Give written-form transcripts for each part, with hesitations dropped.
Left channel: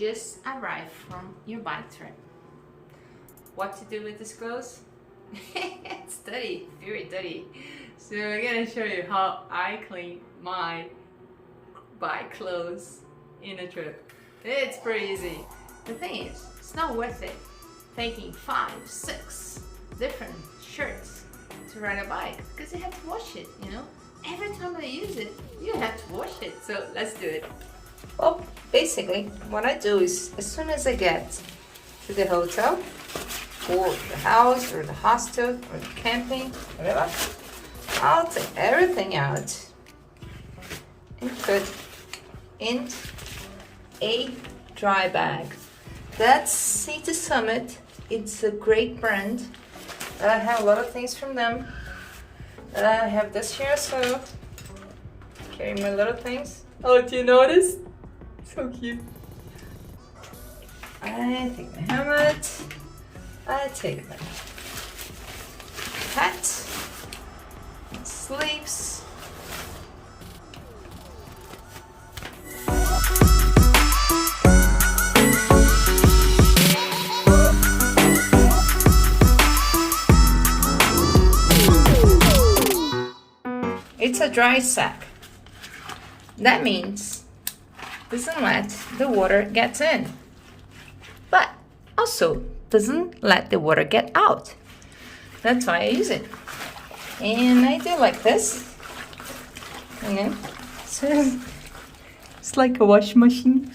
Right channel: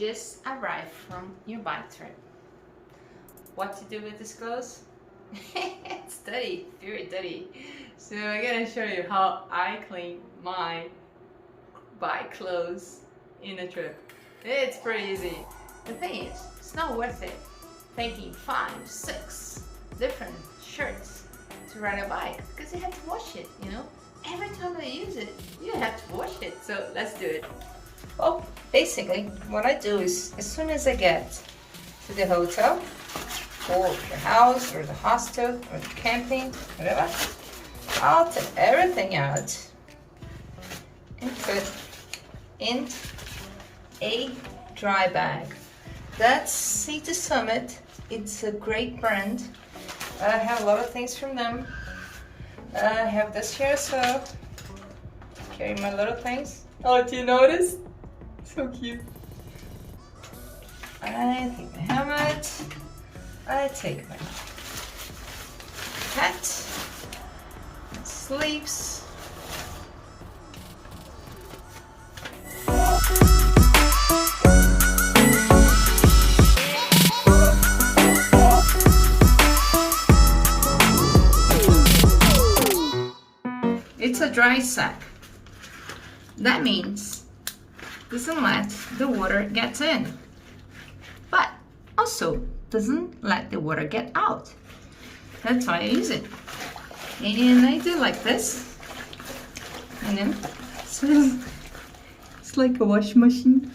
just arrived from your bike trip. What to do with this clothes? It's dirty, very dirty. So I'm gonna show you how I clean my bike clothes in a trip. It's pretty easy. The thing is, it's not worth it taking 5, 6 different shirts to ride a bike because you have to wash it, you know? Every time I use it, you have to wash it. So let's do it. Well, basically, what I do is as soon as I get to the hotel, or the house, or the hostel, or the camping, whatever, I'll take everything out and put in a dry bag. That's Sea to Summit. It's a great brand. I have a lot of things from them. I have this here as well. Carry my little things. Oh, do you notice? So cute. I take my helmet. I take my hat, sleeves. It's a dry sack. That means doesn't let the water get in, but also doesn't let the water get out. That's why I use it. And I do like this. And then so it's like a washing machine.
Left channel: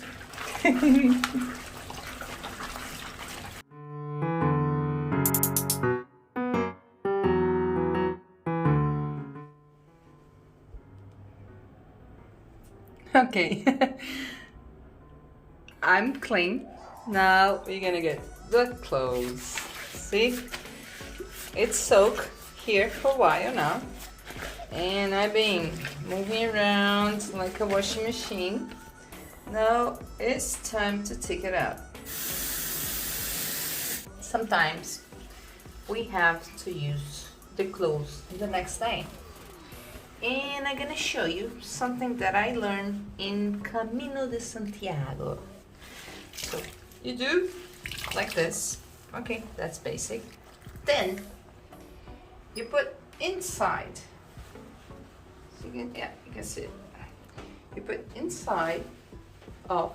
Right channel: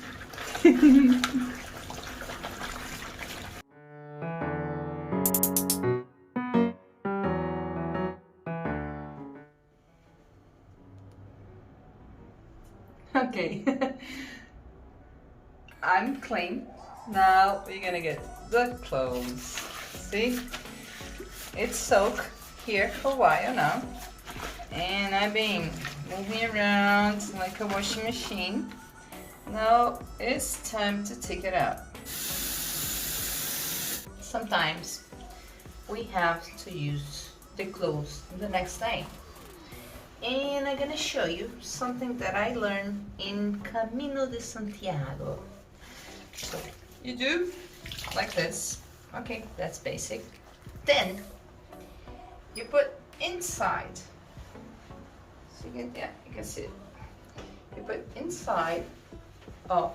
Okay. I'm clean. Now we're gonna get the clothes. See? It's soaked here for a while now. And I've been moving around like a washing machine. Now it's time to take it out. Sometimes we have to use the clothes the next day. And I'm gonna show you something that I learned in Camino de Santiago. So you do like this. Okay, that's basic. Then you put inside. So you can see it. You put inside of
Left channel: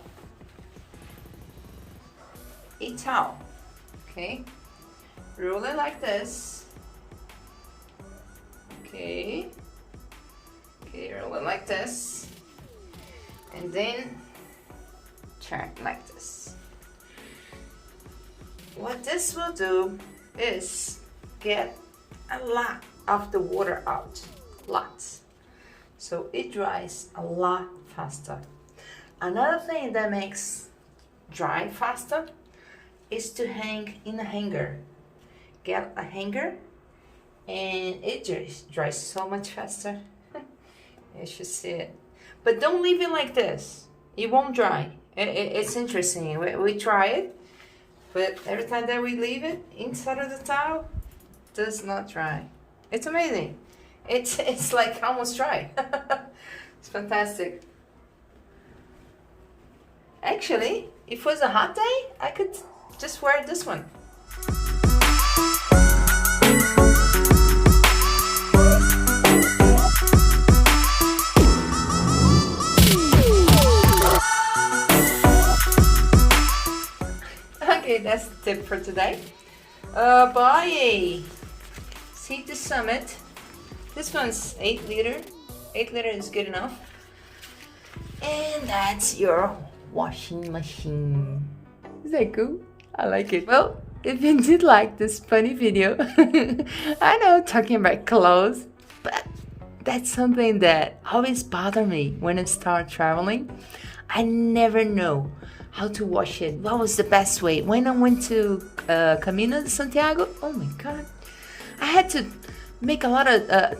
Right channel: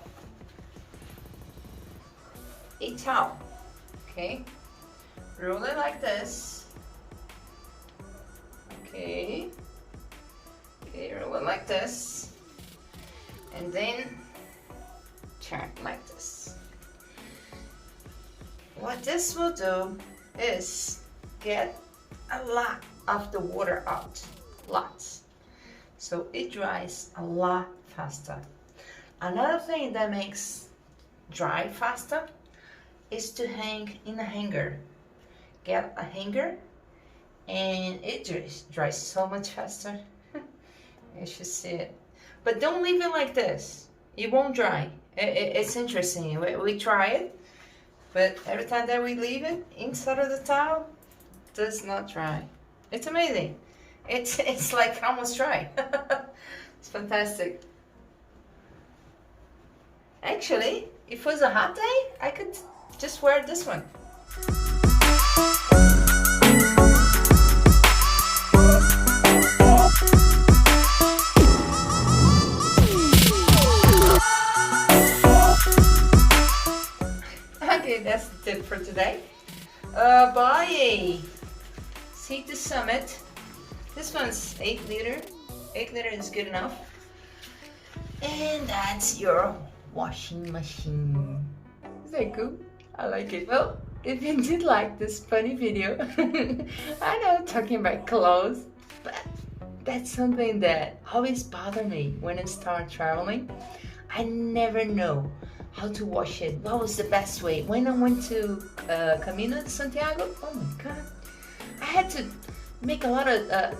a towel. Okay, roll it like this. Okay. Okay, roll it like this, and then turn like this. What this will do is get a lot of the water out, lots. So it dries a lot faster. Another thing that makes dry faster is to hang in a hanger. Get a hanger, and it dries so much faster. You should see it. But don't leave it like this. It won't dry. It's interesting. We try it, but every time that we leave it inside of the towel, it does not dry. It's amazing. It's like almost dry. It's fantastic. Actually, if it was a hot day, I could just wear this one. Okay, that's the tip for today. Buy a Sea to Summit. This one's 8 liter. 8 liter is good enough. And that's your washing machine. Is that cool? I like it. Well, if you did like this funny video, I know talking about clothes, but that's something that always bothers me when I start traveling. I never know how to wash it. What was the best way? When I went to Camino de Santiago, oh my God, I had to make a lot of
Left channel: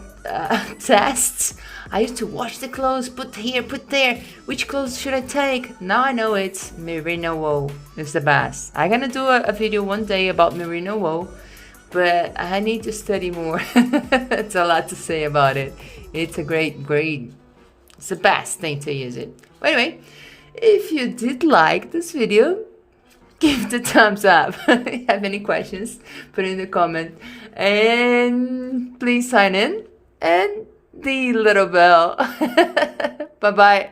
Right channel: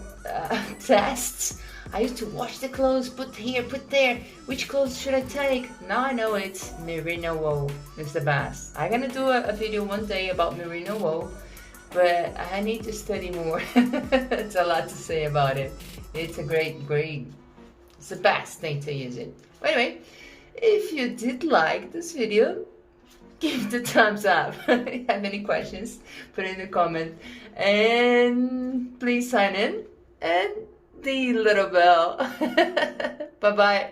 tests. I used to wash the clothes, put here, put there. Which clothes should I take? Now I know it's merino wool is the best. I'm gonna do a video one day about merino wool, but I need to study more. It's a lot to say about it. It's a great, it's the best thing to use it. But anyway, If you did like this video, give the thumbs up. If you have any questions, put in the comment. And please sign in and the little bell. Bye-bye.